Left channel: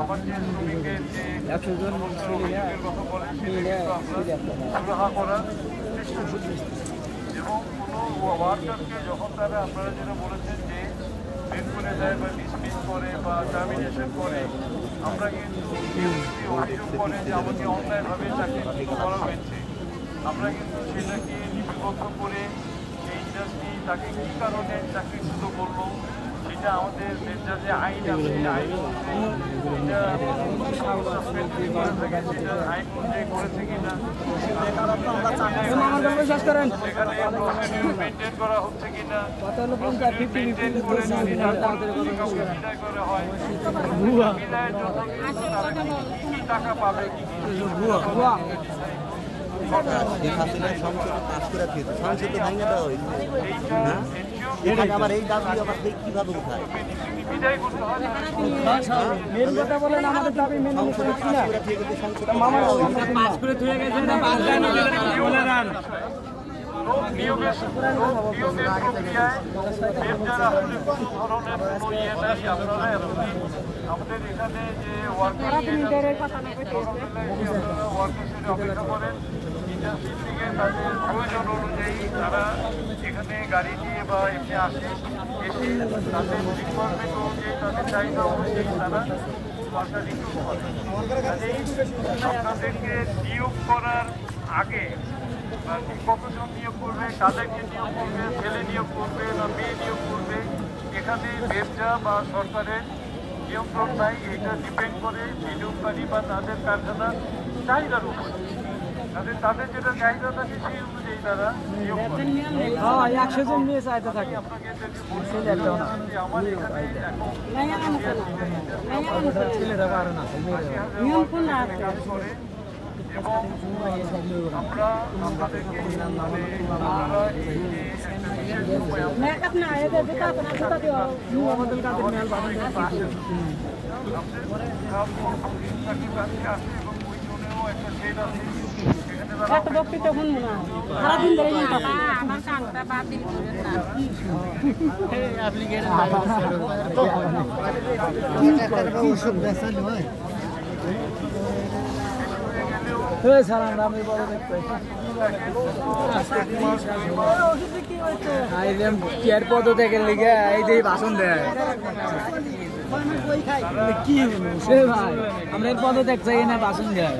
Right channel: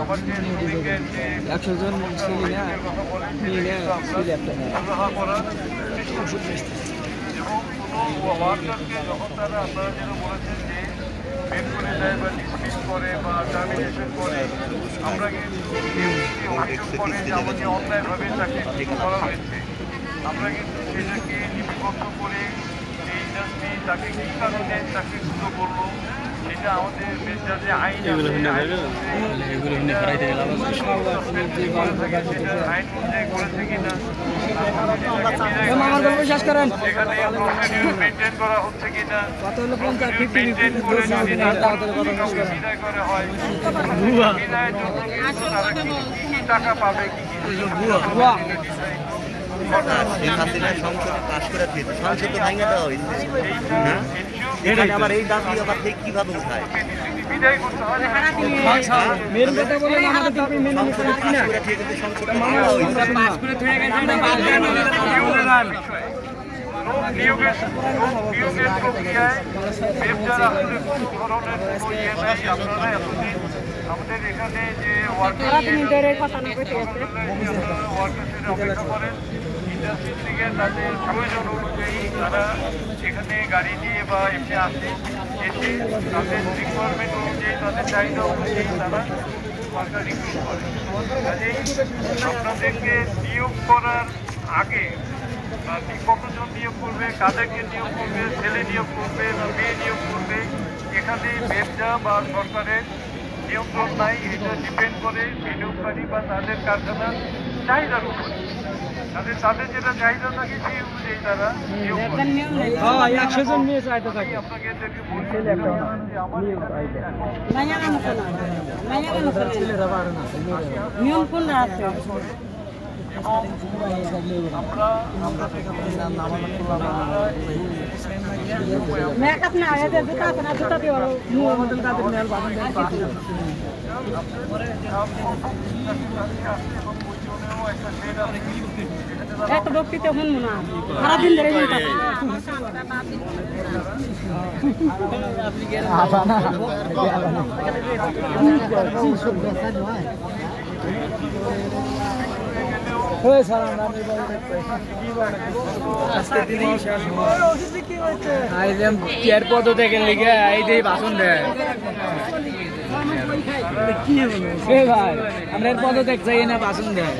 আমার যে শ্রমিকের যে 100 জন কথা বলেন করার চেষ্টা করছি এবং কোনো ওয়ার্কারকে যখন তারা আপনারা যেটা বলেছেন যে বের করে দেয় বা ডিসমিস করে বা টার্মিনেশন করে আমরা কিন্তু অভিযোগ করে যে আমাদের অন্যায়ভাবে চাকরি করা হয়েছে আমরা কিন্তু সেটাকে লিপিবদ্ধ করে এই ইন্ডাস্ট্রি তাকে কী কারণে চাকরিচ্যুত করলো সেটা আমাদের মেজাজে আইন আইন অনুযায়ী করেছে কিনা মেনটেন করা হচ্ছে কিনা মেনটেন করে যদি বিদায় করা হয় বিদায়ের জন্য তারা কি টাকা পাবে কি সংসদে পাশ করে সংসদ তো ভেঙে দেওয়া হয়েছে আবার এই দাবি আবার ঠিক কিভাবে উঠায় বিদায় করতে হয় মেন কথা বলেন আমাদের দাবি মেনে নিতে কি না সংসদে মামলা হয়েছে আমাদের এখানে যে ইন্ডাস্ট্রি থেকে তাদের প্রয়োজন অনুযায়ী তারা এখানে গাড়ি নিয়ে বা এমনি আসে এসে তাদের রিকোয়ারমেন্ট অনুযায়ী তাদের চাহিদা অনুযায়ী তারা ওয়ার্কার রিক্রুট করে কাজেই আপনাদেরকে নিয়োগ করার আগে কতজন নিয়োগ করবে কাদেরকে নিয়োগ করবে ছেলে নিয়োগ করবে না মেয়ে নিয়োগ করবে এখানে ব্যবসা বা সরকারের নিয়ন্ত্রণ নাই এটা ডিপেন্ড করে বিনিয়োগকারী বা তাদের কারখানার চাহিদার উপর তাদের যেটা চাহিদা থাকে সেই অনুযায়ী তারা নিয়োগ করে 100 জন নিয়ে চাইতে থাকে আপনাকে ছেলে একটাও না ছেলেরা পারে না নিয়ম কোন আছে আমরা আপনাদেরকে মেকআপ না আগে দে দুটো না দুটো দিও আমাদের কাছে মেল বাঁধন দেন একটা বক্তৃতা শুন না সারা দিন ধরে শুনতে পদ দেখে লিখে এই দিয়ে ভাষণ দেয় কি ভাই আমরা এর পদ দেখতে চাই না ভাষণ দেয়